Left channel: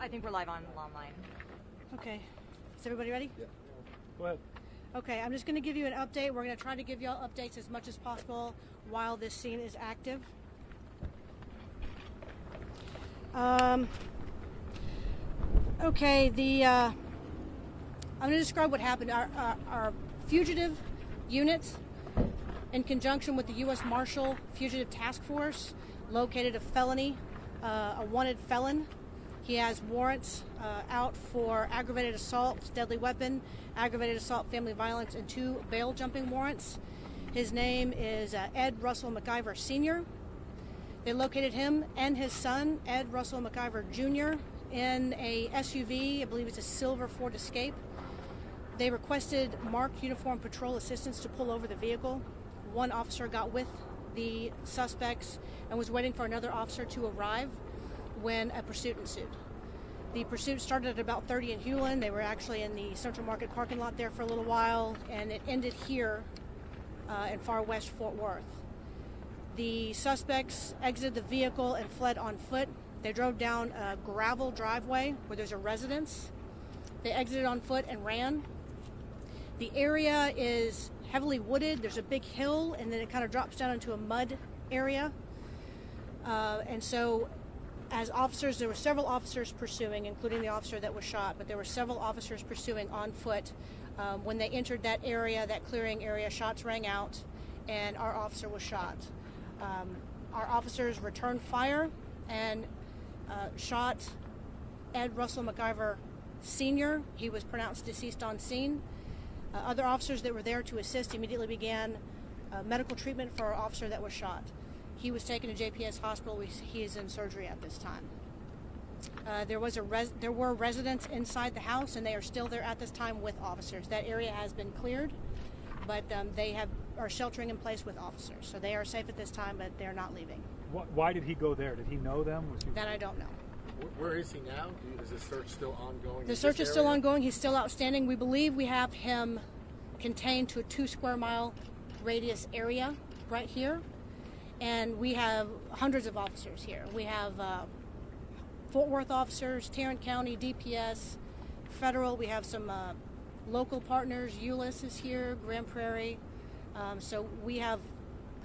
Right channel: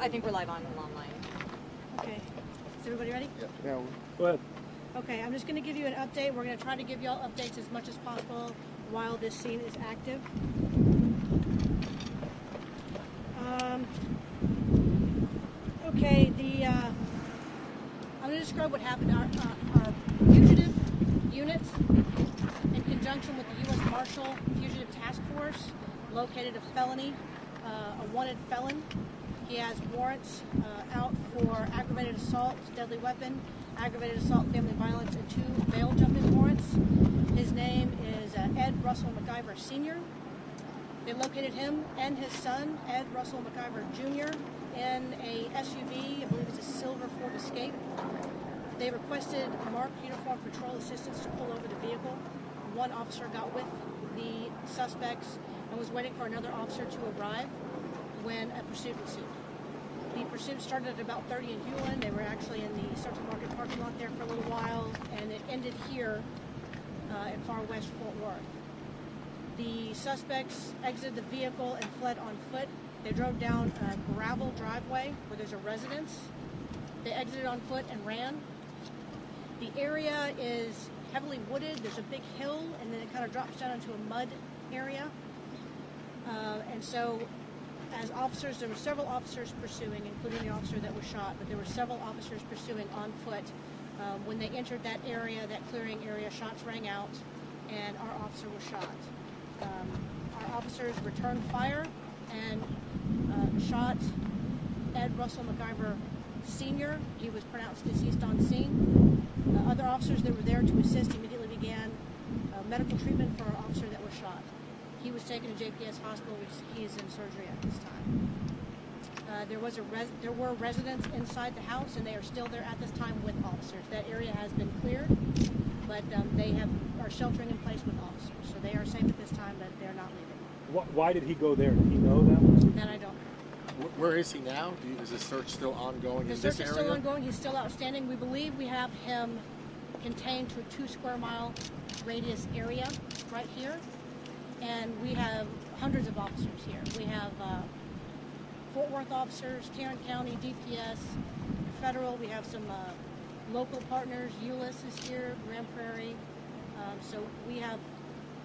I think we're live online. Okay. Is everybody ready? Yeah. Go ahead. Okay, I'm just going to give you an update. We're going to try to give y'all updates as much as possible while this scene is active. Okay, I'm going to describe what happened. Our fugitive units, in conjunction with the U.S. Marshal Fugitive Task Force, located a felony, a wanted felon. He has warrants out for aggravated assault, deadly weapon, aggravated assault, family violence, and 2 bail jumping warrants. His name is Ed Russell McIver Sr. They located him and his son, Ed Russell McIver Jr., in a SUV. I believe it's a silver Ford Escape. They requested marked uniform patrol assistance to pull over the vehicle. One officer got with the suspects and was waiting for another officer to arrive when a pursuit ensued. The pursuit started at about 30 in Hewlin. They were actually in the Central Market parking lot there for a little while, and it ended here at Far West Fort Worth. The suspects exited the vehicle and fled on foot. They drove down a gravel driveway where there's a residence. They exited on foot and ran. The area is heavily wooded. There's a big hill, and then it kind of drops down into a mud area. And so, as officers, there were several officers pursuing, including the officer that was shot, but there were several officers pursuing on foot. When they entered that area, that clearing area, shots rang out, and our officer was shot. Our officers returned fire and shot Ed Russell McIver Sr. He was pronounced deceased on scene. Other officers that were there to assist immediately began medical treatment for our officer that was shot. He was taken to JPS Hospital. He is in surgery at this time. There were residents inside the house, and they are still there at this time with officers. That area has been cleared, but they are sheltering in place with officers. So they are safe at this time, but they're not leaving. Why did he go there? Did he know that? That I don't know. Where is he now? Is the search still ongoing? The search is still ongoing. He's still outstanding. We believe we have him contained to a 2 square mile radius area right here. And we have hundreds of officers here. We have Fort Worth officers, Tarrant County, DPS, federal. We have some local partners. ULIS is here, Grand Prairie. So we have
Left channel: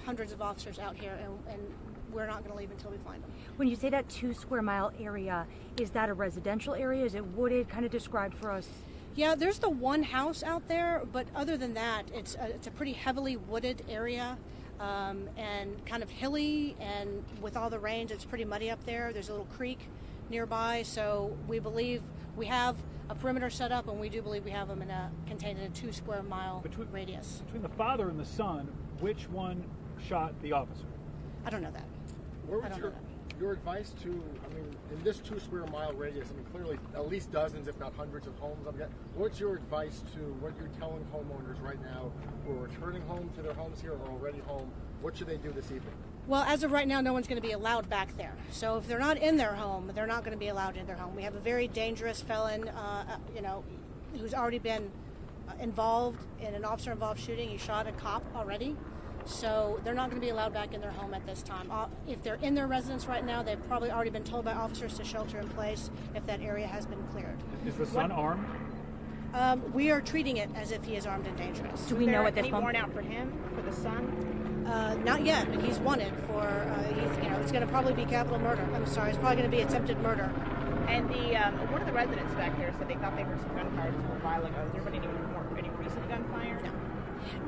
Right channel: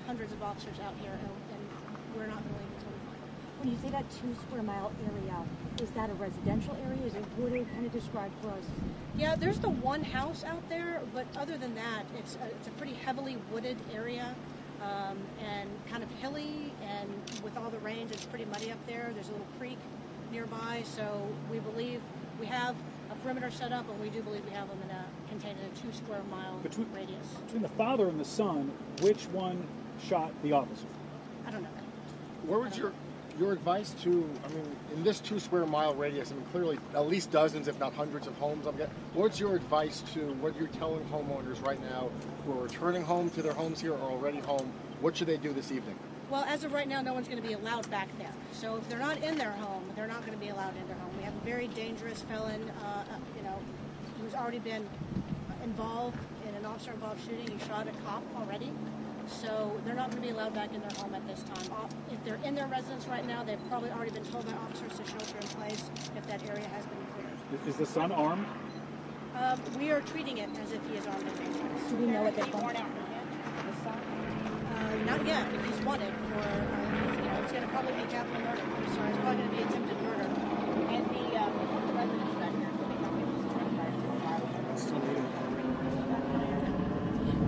hundreds of officers out here, and we're not going to leave until we find them. When you say that 2 square mile area, is that a residential area? Is it wooded? Kind of described for us. Yeah, there's the one house out there, but other than that, it's a pretty heavily wooded area. And kind of hilly, and with all the rains, it's pretty muddy up there. There's a little creek nearby, so we believe we have a perimeter set up, and we do believe we have them contained in a 2 square mile radius. Between the father and the son, which one shot the officer? I don't know that. What would your advice to, in this 2 square mile radius, clearly at least dozens, if not hundreds of homes, what's your advice to what you're telling homeowners right now who are returning home to their homes here or already home? What should they do this evening? Well, as of right now, no one's going to be allowed back there. So if they're not in their home, they're not going to be allowed in their home. We have a very dangerous felon, who's already been involved in an officer-involved shooting. He shot a cop already. So they're not going to be allowed back in their home at this time. If they're in their residence right now, they've probably already been told by officers to shelter in place if that area has been cleared. Is the son armed? We are treating it as if he is armed and dangerous. Do we know at this any warrant out for him, the son? Not yet. He's wanted for, it's going to probably be capital murder. I'm sorry, it's probably going to be attempted murder. And one of the residents back here said they thought they were trying to fire to a while ago. Any reason got fired?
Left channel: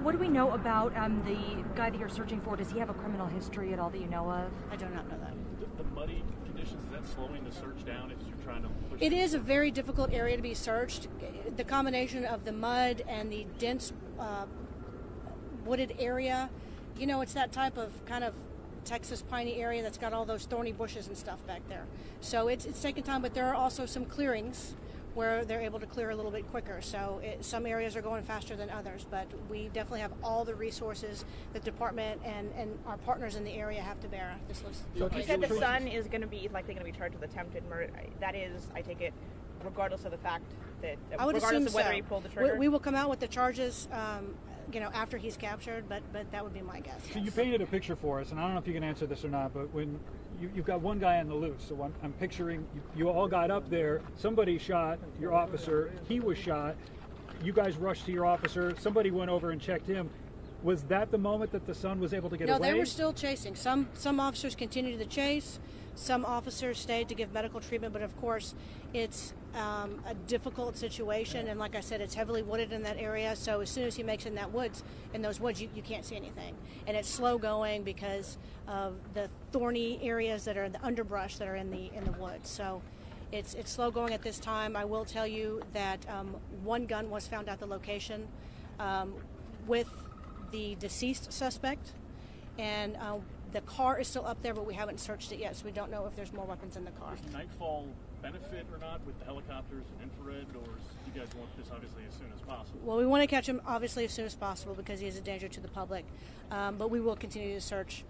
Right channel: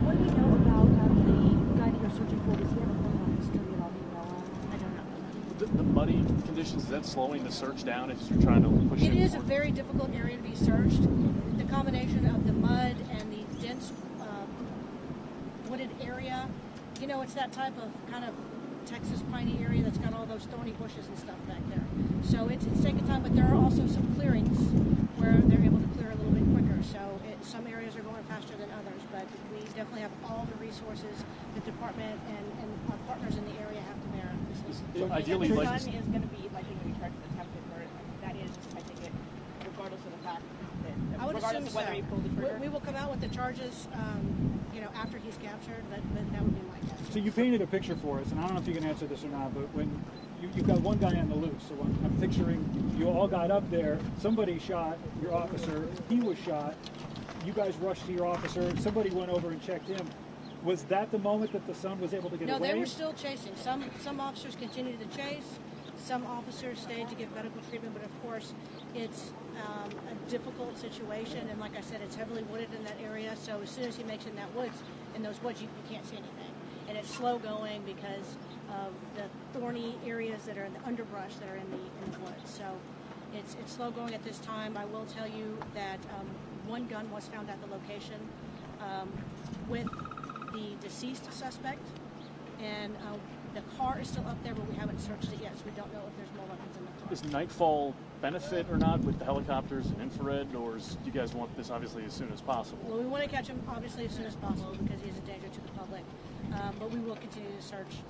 What do we know about the guy that you're searching for? Does he have a criminal history at all that you know of? I do not know that. The muddy conditions, is that slowing the search down as you're trying to push it? It is a very difficult area to be searched. The combination of the mud and the dense wooded area, it's that type of kind of Texas piney area that's got all those thorny bushes and stuff back there. So it's taking time, but there are also some clearings where they're able to clear a little bit quicker. So some areas are going faster than others, but we definitely have all the resources the department and our partners in the area have to bear. So you said the son is going to be likely going to be charged with attempted murder. That is, I think it, regardless of the fact that, I would regardless assume of whether he pulled the trigger. We will come out with the charges, after he's captured, but that would be my guess. So you painted a picture for us, and I don't know if you can answer this or not, but when you've got one guy on the loose. So I'm picturing you all got up there. Somebody shot your officer. He was shot. You guys rushed to your officer. Somebody went over and checked him. Was that the moment that the son was able to get away? No, they were still chasing. Some officers continued the chase. Some officers stayed to give medical treatment, but of course, it's a difficult situation. And like I said, it's heavily wooded in that area. So as soon as he makes it in those woods, you can't see anything. And it's slow going because of the thorny areas that are the underbrush that are in the woods. So it's slow going at this time. I will tell you that one gun was found at the location with the deceased suspect, and the car is still up there, but we haven't searched it yet, so we don't know if there's more weapons in the car. Does nightfall benefit or not with the helicopters and infrared, or do you guys want this obviously as soon as possible? Well, we want to catch him obviously as soon as possible because he is a danger to the public, but we will continue to search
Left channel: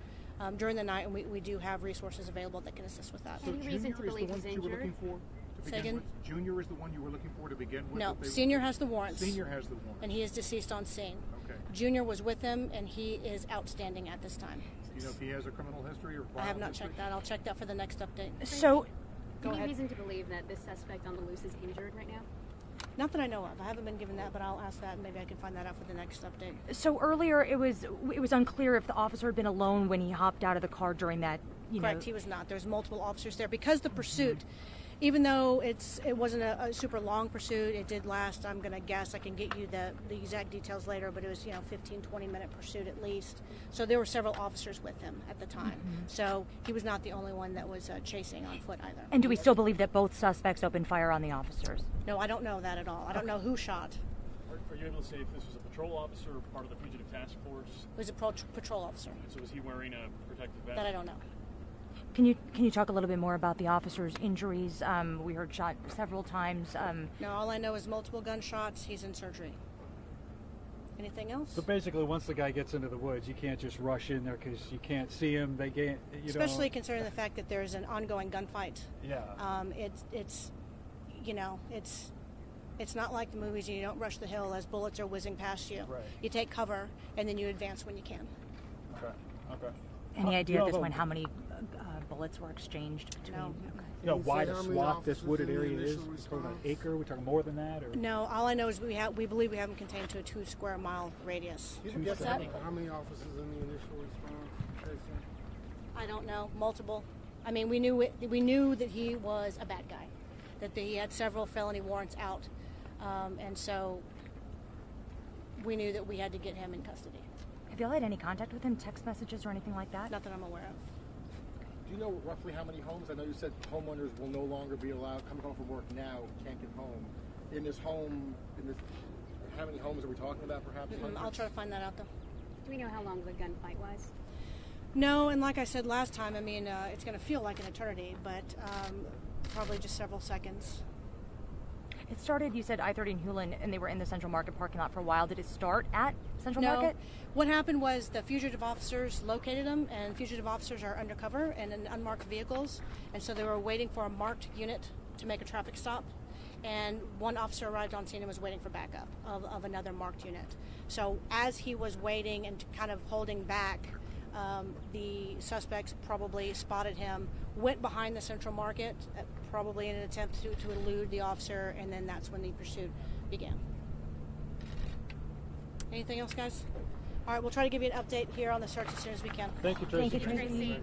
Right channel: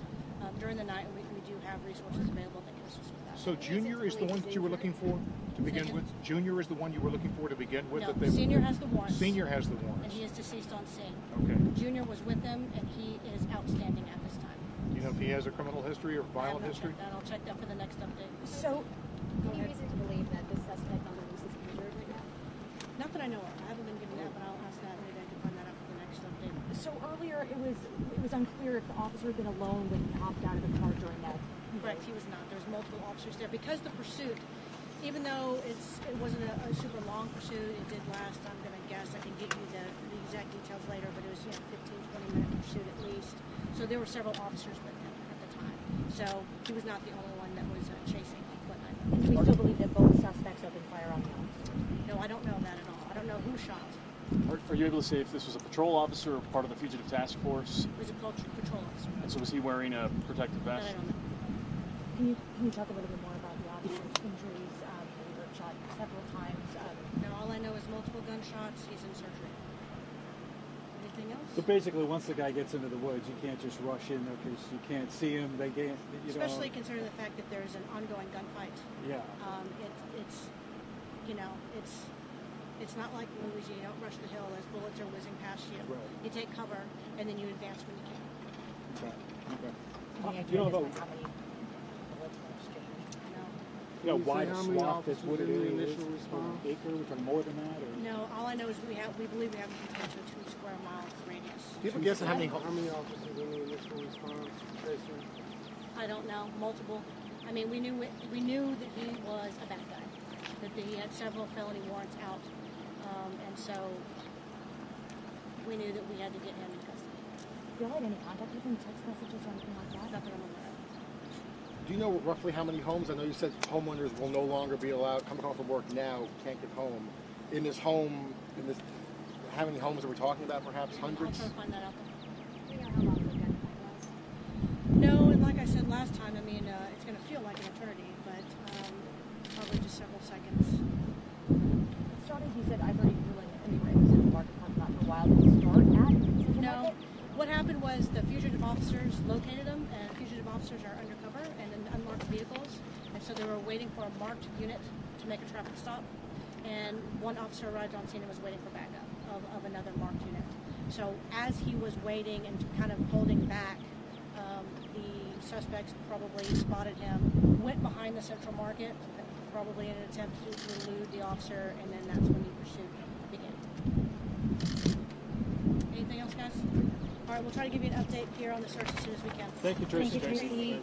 during the night, and we do have resources available that can assist with that. So Junior is the one that you were looking for to begin with? Junior is the one you were looking for to begin with? No, Senior has the warrants. Senior has the warrants. And he is deceased on scene. Okay. Junior was with him, and he is outstanding at this time. Do you know if he has a criminal history or I have violent not history? checked that. I'll check that for the next update. So, Go Any ahead. reason to believe that this suspect on the loose is injured right now? Not that I know of. I haven't been given that, but I'll ask that. Maybe I can find that out for the next update. so earlier it was unclear if the officer had been alone when he hopped out of the car during that. Correct, he was not. There's multiple officers there because the pursuit, even though it wasn't a super long pursuit, it did last. I'm going to guess I could get you the exact details later, but it was 15, 20-minute pursuit at least. So there were several officers with him at the time. So he was not the only one that was chasing on foot either. And do we still believe that both suspects opened fire on the officers? No, I don't know that at all. I don't know who shot. Are you able to say if this was a patrol officer or part of the fugitive task force? It was a patrol officer. And so was he wearing a protective vest? That I don't know. Can you talk a little bit more about the officer's injuries? We heard shot several times. No, all I know is multiple gunshots. He's in surgery. Anything else? So basically, once the guy gets into the woods, you can't just rush in there because you can't see him. Especially considering the fact that there's an ongoing gunfight. Yeah. It's not like the movies. You don't rush the hill as bullets are whizzing past you. Right. You take cover and then you advance when you can. Okay. Any idea at this point how many bullets were exchanged? No. You know, Can you wide say how many swath this officers wooded in the area is? initial response? An acre, which are more than that? Or? No, all I know is we believe we have him contained to a 2 square mile radius. Yes, how many How many officers in the initial response, Tracer? I don't know. Multiple. I mean, we knew that he was a bad guy. That he had several felony warrants out, and so we knew that we had to get him in custody. Have y'all had any contact with him, text messages or anything like that? Nothing I'm aware of. Do you know roughly how many homes? I know you said homeowners will no longer be allowed coming home from work now, can't get home. In this home, how many homes are we talking about? Perhaps hundreds. I'll try to find that out then. Do we know how long the gunfight was? No, and like I said last time, I mean, it's going to feel like an eternity, but probably just several seconds. It started, you said I-30 in Hewlin, and they were in the Central Market parking lot for a while. Did it start at Central No. Market? What happened was the fugitive officers located them, and fugitive officers are undercover and in unmarked vehicles, and so they were waiting for a marked unit to make a traffic stop, and one officer arrived on scene and was waiting for backup of another marked unit. So as he was waiting and kind of holding back, the suspects probably spotted him, went behind the Central Market, probably in an attempt to elude the officer, and then that's when the pursuit began. Anything else, guys? All right, we'll try to give you an update here on the search as soon as we can. Thank you, Tracy. Thank you, Tracy.